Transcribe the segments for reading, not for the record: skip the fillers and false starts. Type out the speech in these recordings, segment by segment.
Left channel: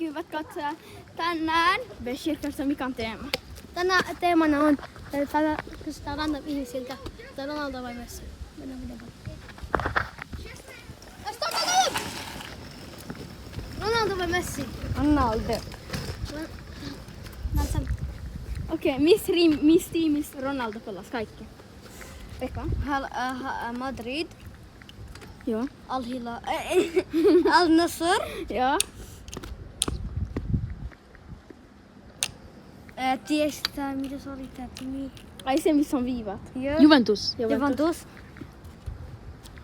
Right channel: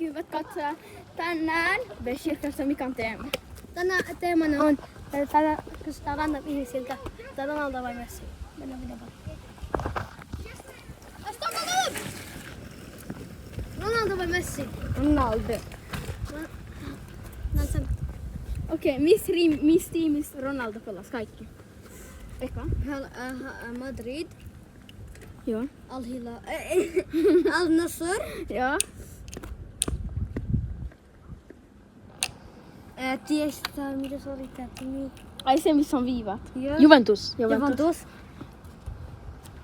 Hyvät katsojat, tänään Beshirkassa mikä on teema? Tänään teemana on, tänään kysytään random ihmisiltä, että Ronaldo vai Messi. Mennään videoon. Ronaldo vai Messi? Ronaldo. Okei, missä tiimissä Ronaldo pelasi kaikki? Pekka? Madrid, Joo. Al-Hilal, Al-Nassr, Joo. Tiestä, mitä se oli tää nimi? Ai se missä on viivat. Joo. Juventus. Juventus.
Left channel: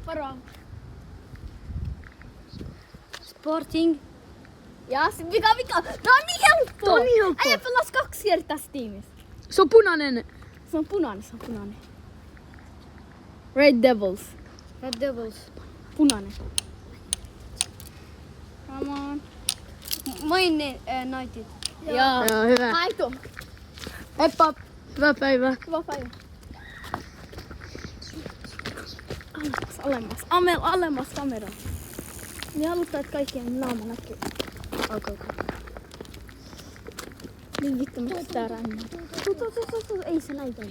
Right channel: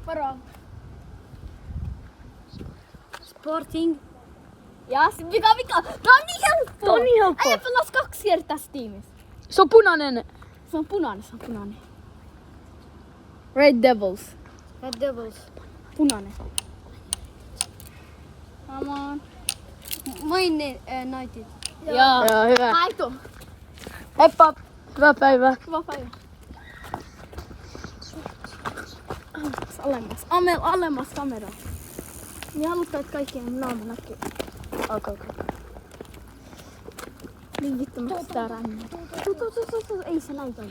Varo. Sporting. Ja sit mikä? Tää on niin helppoa! Tää on niin helppoa. Äijä pelasi 2 kertaa tässä tiimissä. Se on punainen. Se on punainen. Red Devils. Red Devils. Punainen. Come on. Maine United. Joo. Joo, hyvä. Aito. Heippa. Hyvää päivää. Hyvä päivä. Alemmas kameraa. Niin haluttaa, että kaikkien naama näkyy. Okay. Niin vittu, mä sitä rannan. Ei se näitä ole.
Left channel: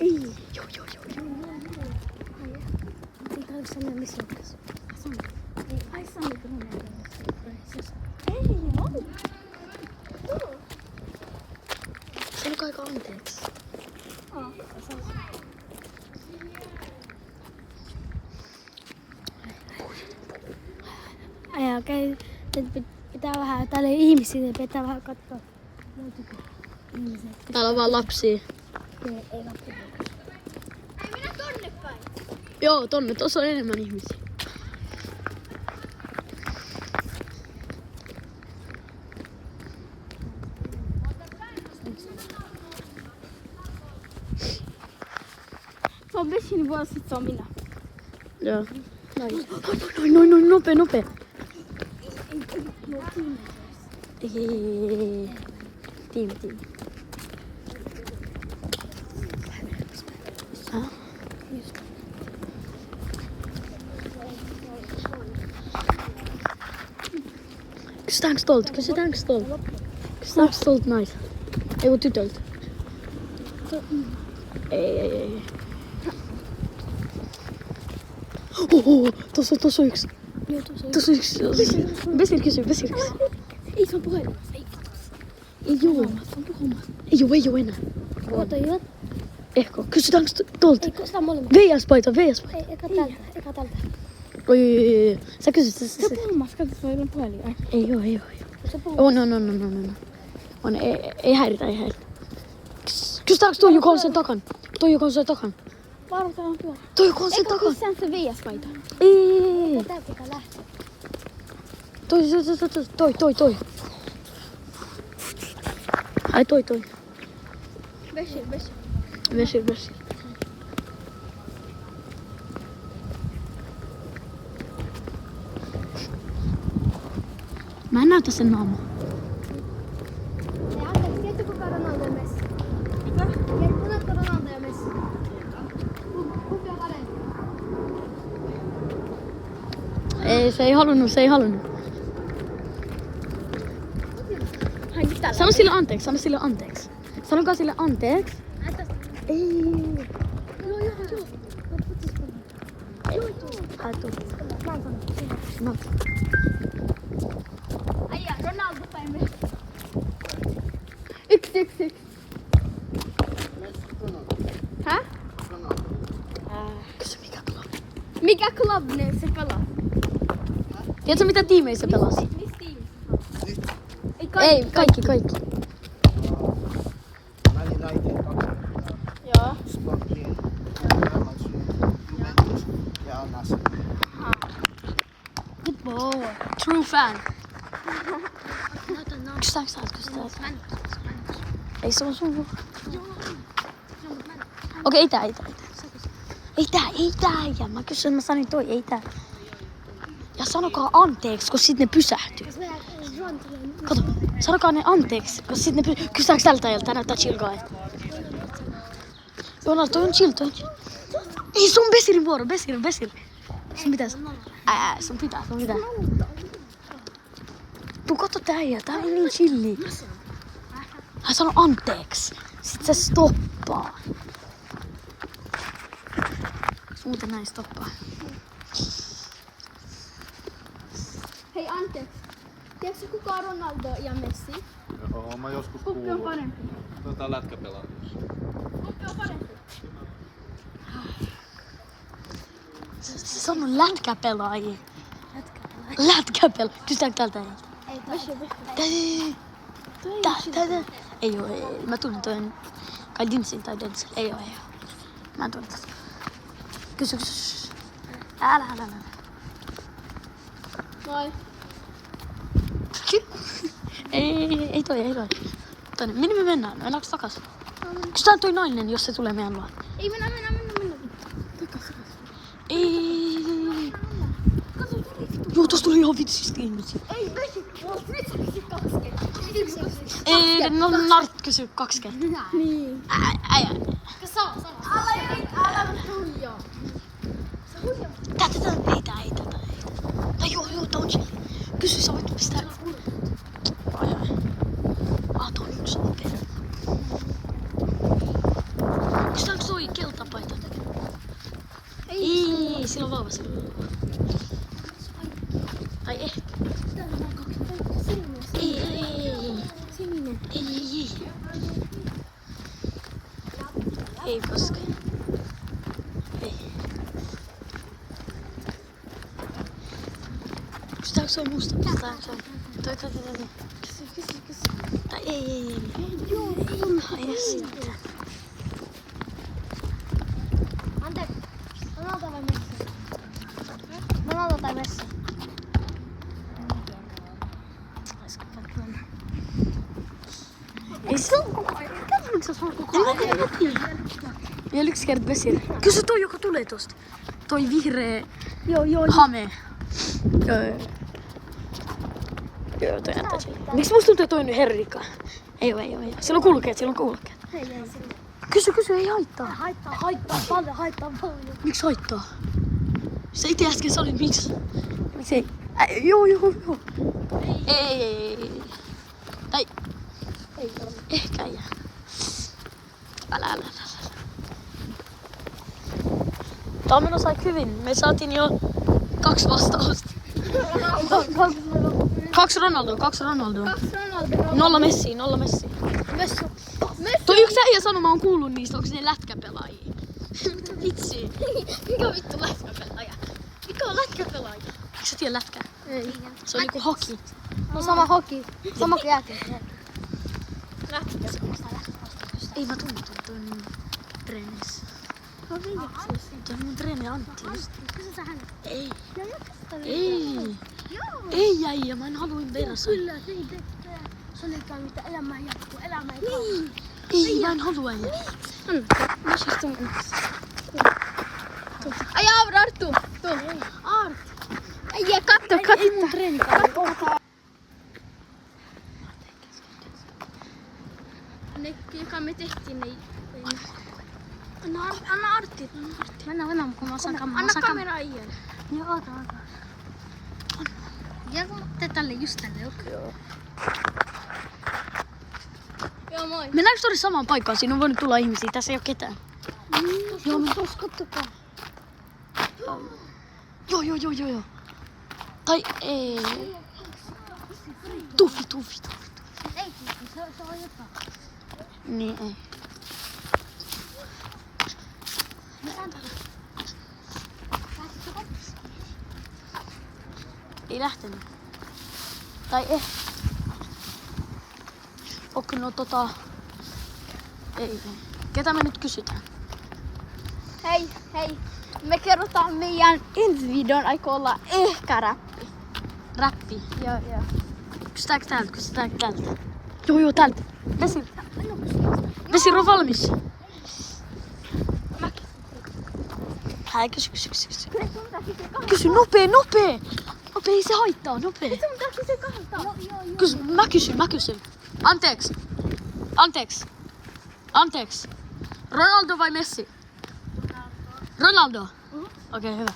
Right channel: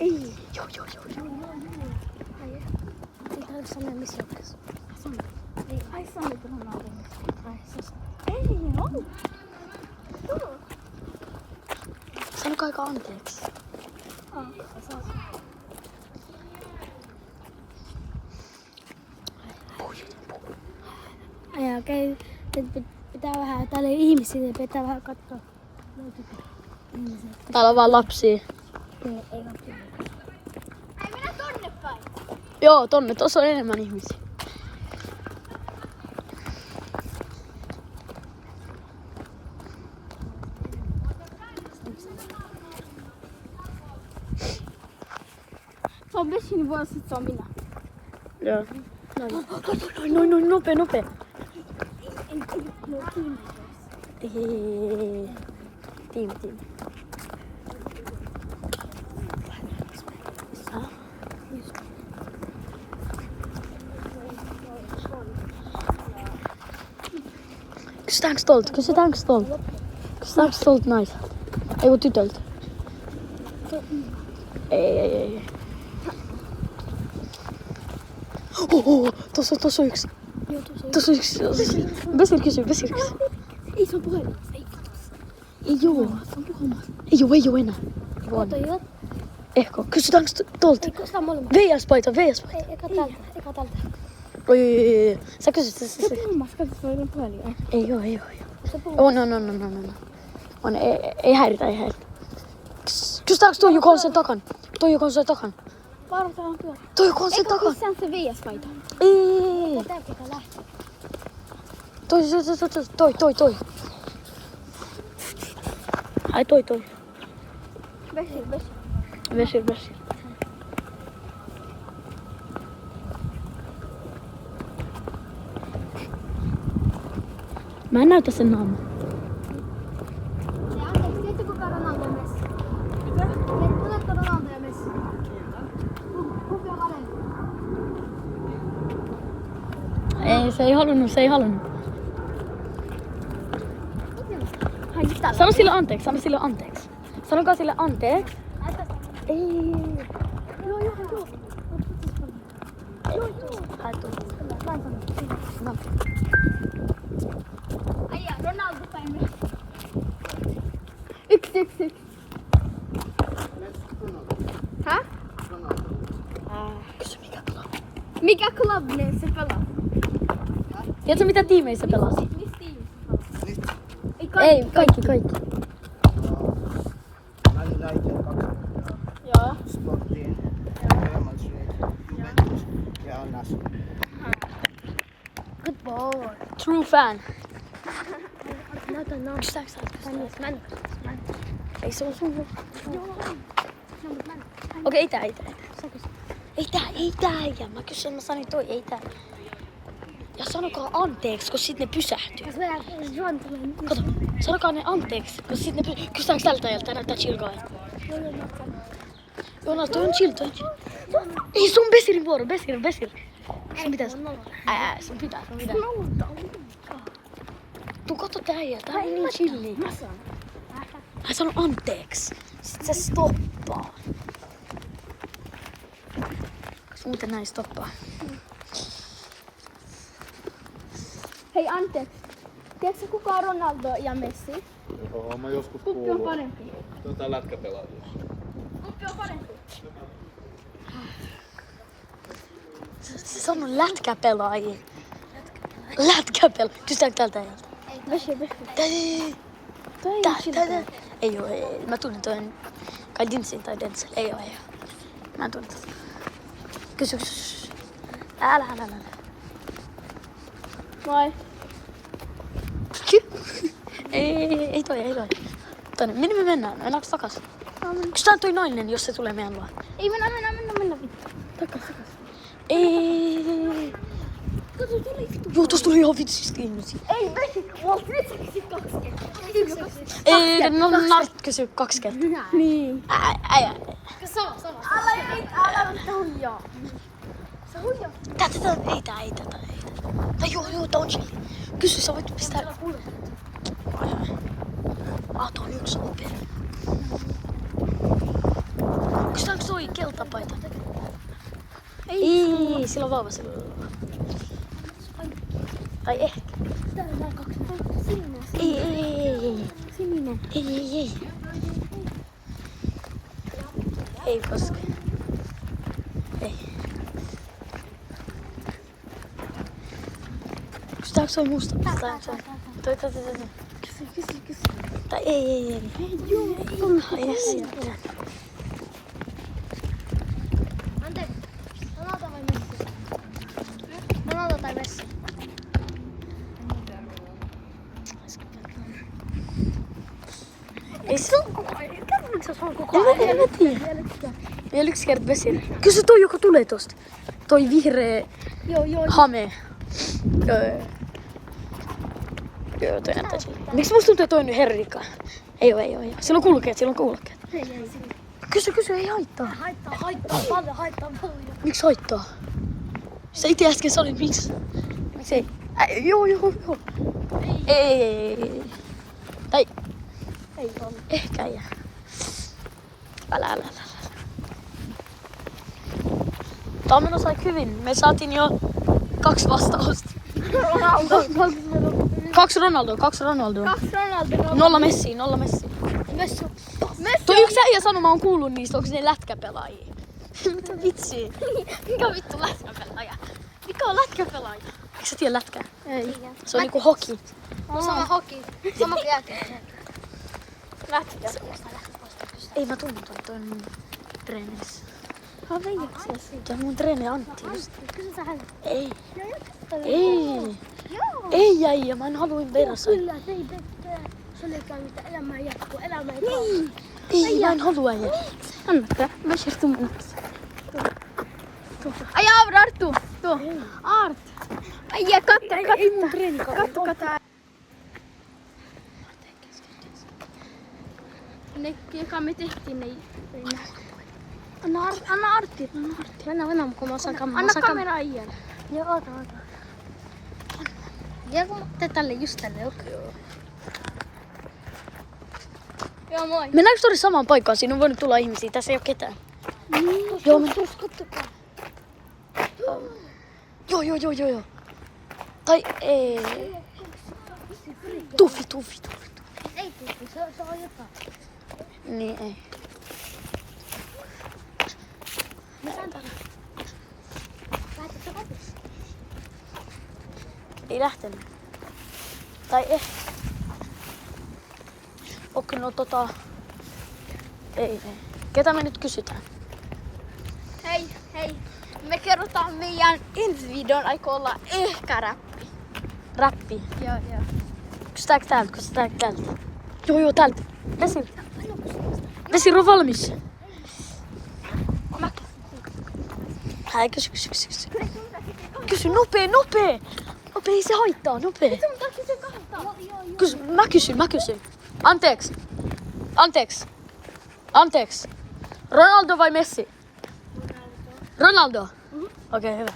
Ei. Joo. Ei tarvitse sanoa missä tässä. Ai Sami Ronaldo. Ei, no. Sanokaa aika anteeksi. Okei, pitää vähän, täällä ei ihmisiä, pitää vähän katsoa. Täällä on vaan lapsia. Ei katsoa. Joo, tonne. Tuossa on enemmän ihmisiä. Se on Beshin vuosi, sit se on minä. Joo. Noin, nopea. Tiimi. Kysytäänkö stolta naiselta? Ei kun tytöltä. Ei. Tuossa on yksi. Besir kysy. Ei se on puhelin. Ei oo. Ei oo enää. Oota, Ehkä. Kysytäänkö tolta? ei kysytään molemmat. VS-paita. Ei, eka tältä. Oi. Sä kysyt. Se puhumassa, katso, se on puhelin. Ai. Ei oo. Se puhuu. On. Ei häiritä. Kysytäänkö toi, joka on sen takana? Varotaan tuolla. Toi, joka on sen Eikö takana? kysään se VS-paita? Ei. Tää pitää lähteä. Toi. Ai toi. Beshin. Vessi. Mä en näytä sen naamaa. Tiedätkö kuka Ronaldo ja Messi? Tunnetko Ronaldo ja Messi? Kumpi on parempi? Ei, se ei halunnut. Sano sille anteeksi. Sanokaa sille anteeksi. Ei. Joo. No. Äijä, Ronaldo tai Messi? Yksi. Hä? Kysy mikä pelaa. Mikä klubne se pelaa? Tiedätkö mitä tiimeissä pelasi? Missä tiimissä? Ei, kaikki. Joo. Sporting, Real Madrid, Juventus ja Al-Nassr. Good boy. True fan. Näytä naama. Mä en Ei se on sun. Okei, ei tää. Ei tää. Mä kysyin, mä sanoin toi, ei tää. Ja sanokaa anteeksi, kun sit ne pysähtyy. Kato. Sanokaa ne anteeksi, koska sit ne kysytäänkö tältä ajalta, näyttää chill guy. Joo, no toi on chill, toi on chill. Ei, se on Besirin vuoro, Besir. Sun pitäis. Sun pitää. Tuu katso tää äijä, tää on niin chilli. Hän sanoo anteeksi. Sit se stoppaa. Muuten näin stoppaa. Hei anteeksi. Tiedätkö kuka on Ronaldo ja Messi? Joo, mä joskus Kumpi on kuullut. parempi? Tää lätkäpelaajia. Kumpi on parempi? Se sanoo lätkäpelaajia. Lätkäpelaajia. Kysytäänkö tältä ajalta? Ei oo. Mä tunnen toinen. Kai Dinsin tai Denzel. Ei oo. Mä en tunne tätä. Kysy. Älä. Vai? Ei toi. Tonne. Minne me mennään? Mennäänkö takas? Kysytään toi nainen, jos se tulee meidän luo. Ei mennä vittu. Takas. Ei. Kato tuli vittu. Joo, tossa tuli ihan vitsistä ihmisiä. Ei Messi. Vitsi 2 kertaa. Ei, no Nart kysy 2 kertaa. Niin. Äijä. Sama. Älä huijaa. Ei tätä. Tai joo, tää on chilli. Kysy, sä voit pistää. Ai. Tuo on yksi okei. Kysytäänkö toi keltapaita? Ei, sillä on vauva. Tai ehkä. Ei. Ei koske. Ei. Kysytäänkö toi musta? Toi. Tai ei. Ai sitten. Anteeksi. Ronaldo tai Messi? Ei se on koko ajan. En mä tiedä. Vielä 1 kerta Besir. Kysy toi, joka tulee tosta. Toi vihreä hame. Joo, toi antaa chilli. Miksi musta tuntuu, että toi on Herrika? Ei oo. Sillä on kulkeet. Kysy, ei haittaa. Haittaa paljon. Miksi haittaa? Sä ite äsken sanoit miksi. Miksi ei? Joo. Ei. Tai ehkä ei. Älä. Tää on menossa aika hyvin. Me saatiin jo 2 vastausta. 2 Ronaldoa. 0 Messi. Messi. Toi yksi äijä sanoi, mä oon kuullut niistä, onko ne lätkäpelaajia? Mitä vitsi? Mikä vittu lätkäpelaaja? Mikä on lätkäpelaaja? Eikö sä tiedä lätkää? Ei. Se on niinku hoki. No sama hoki. Sama kuin jääkiekko. Ei mä tunne toi on mun treenissä. Toi on mun treeni Antti just. Ei äijä, mä en haluin verrassa. Kyllä, ei. Se oli käynyt, että elämä jatkuu, elämä ei kauan. Ei, mä en halua äijä. Anna, mä siirtyn mennäksi. Ai Arttu, tuo. Art. Ai katso. Ei mun treeni katso. Ne joka me tehtiin, niin... Anna Artti. Mennään, kun mä saan Anna kamera Ian. Joo, ota. Ja kun te tälle just tälle, okei. Joo, moi. Mennäänkö tori samaan paikkaan? Siinä on voinut tulla ihmisiä, tässä ei oo ketään. Joo, Joo. Tai ei. Tuffi. Ei, se on jotain. Niin ei. Lähtitkö kotiin? Ei lähtenyt. Tai Okei, no Ei. Ketä me nyt kysytään? Hei. Me kerrotaan meidän ensi videon aikoo olla ehkä räppi. Räppi. Joo. Kysytäänkö täältä? Joo, täältä. Vesir on valmis. Kysy. Kysy nopee. Nopee, ei se haittaa, nopee. Mitä se kannattaa? Joo. Mä kysyn. Anteeksi. Ronaldo vai Messi? Ronaldo. Okei, hyvä.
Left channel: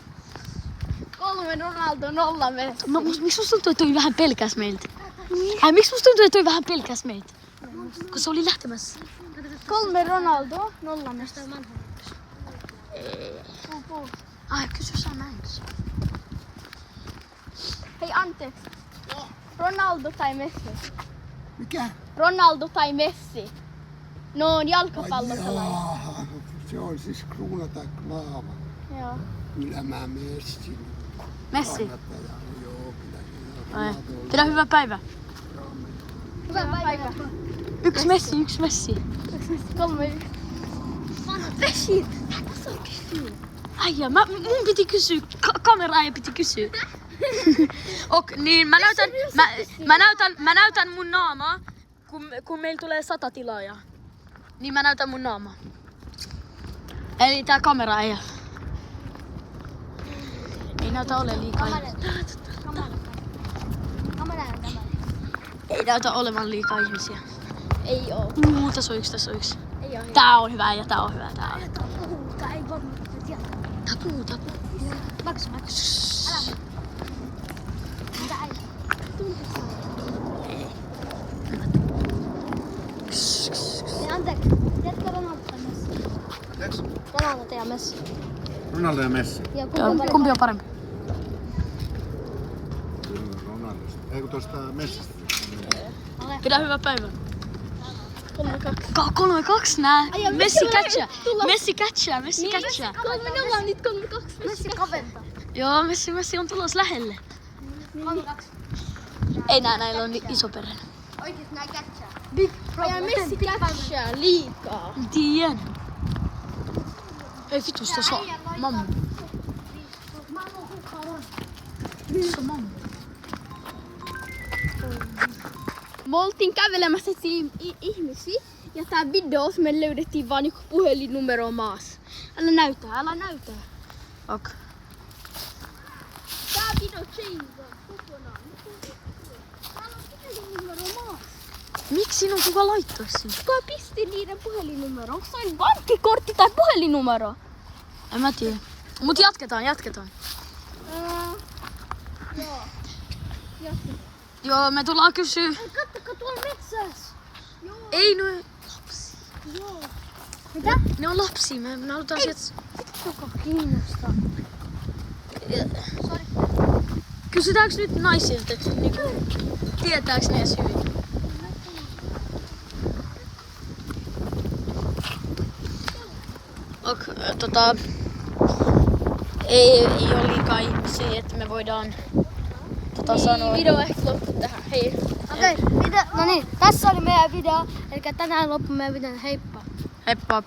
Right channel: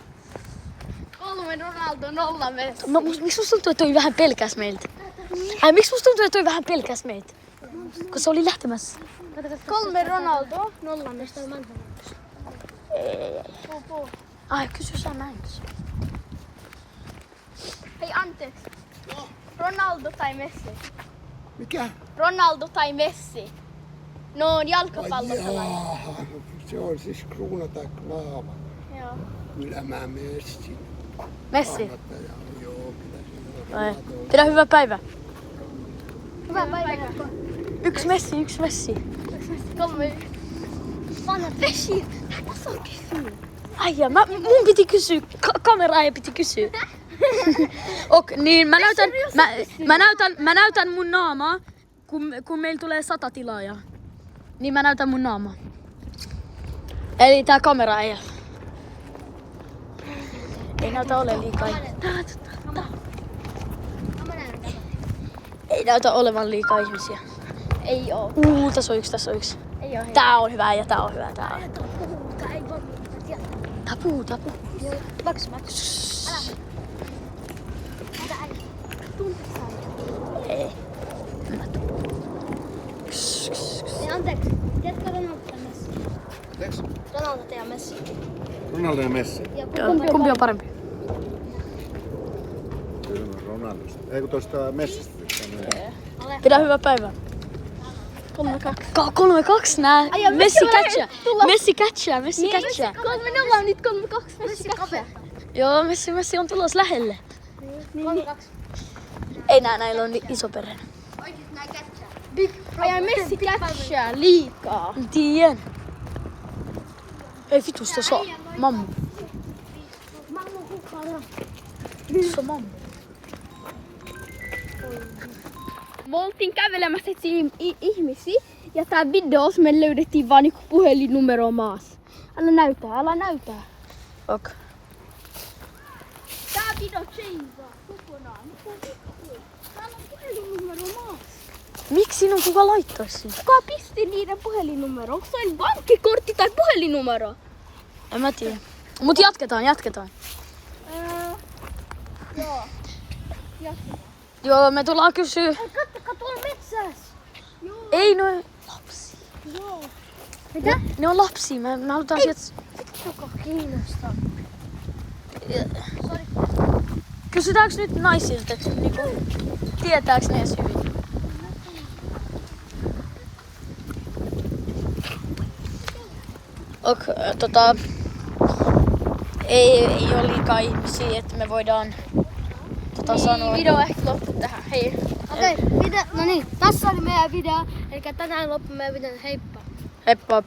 3 Ronaldo, 0 Messi. Miksi musta tuntuu, että toi vähän pelkäs meiltä? Miksi musta tuntuu, että toi vähän pelkäs meiltä? Kun se oli lähtemässä. 3 Ronaldo, 0 Messi. Ei. Ai, kysy sä näin. Hei, anteeksi. Ronaldo tai Messi? Mikä? Ronaldo tai Messi? No on jalkapallopelaaja. Jaa, se on siis Kruuna tai Klaava. Joo. Kyllä mä Messi. Messi. Kannattaja. Joo, kyllä se on. Ai. Pidä hyvä päivä. Hyvä päivä. 1 Messi. 3. Messi. Ai mun piti kysyä, kameraaja piti kysyä. Niin mä näytän mun naamaa, kun meillä tulee 100 tilaajaa. Niin mä näytän mun naamaa. Eli tää kameraaja. Ei näytä ole liikaa. Ei näytä olevan liikaa ihmisiä. Ei oo. Tässä on yksi. Ei oo. Tää on hyvä ja tää on hyvä. Tapu. Max. Ei. Anteeksi. Tiedätkö Ronaldo tai Messi? Mitäks? Ronaldo ja Messi. Ronaldo ja Messi. Joo, kumpi on parempi? Ronaldosta. Eikö tuosta Messistä? Pidä hyvä päivä. 3-2 nää. Messi catchaa. Minä ollaan nyt 3-2. Messi kaventaa. Joo, Messi on tulos lähelle. 3-2. Ei näillä on iso perhe. Oikeesti nää catchaa. Ei Messi catchaa liikaa. Tien. Ei vitus, tuossa on mammu. Tuossa on mammu. Me oltiin kävelemässä ihmisiä ja tää videos me löydettiin vaan niinku puhelinnumero maassa. Älä näytä. Ok. Tää video change. Täällä on puhelinnumero maassa. Miksi sinun kuka laittaa sinne? Kuka pisti niiden puhelinnumero? Onko se pankkikortti tai puhelinnumero? En mä tiedä. Mut jatketaan. Joo, me tullaan kysyä. Kattokaa tuolla metsässä. Ei noin lapsi. Mitä? Ne on lapsia. Me halutaan sieltä. Joka kiinnostaa. Sori. Kysytäänkö nyt naisilta, että tietääks ne edes hyvin? Ei ole liikaa ihmisiä, että me voidaan sanoa. Video ehkä loppu tähän. Hei. Okei, no niin, tässä oli meidän video. Eli tänään loppu meidän video. Heippa. Heippa.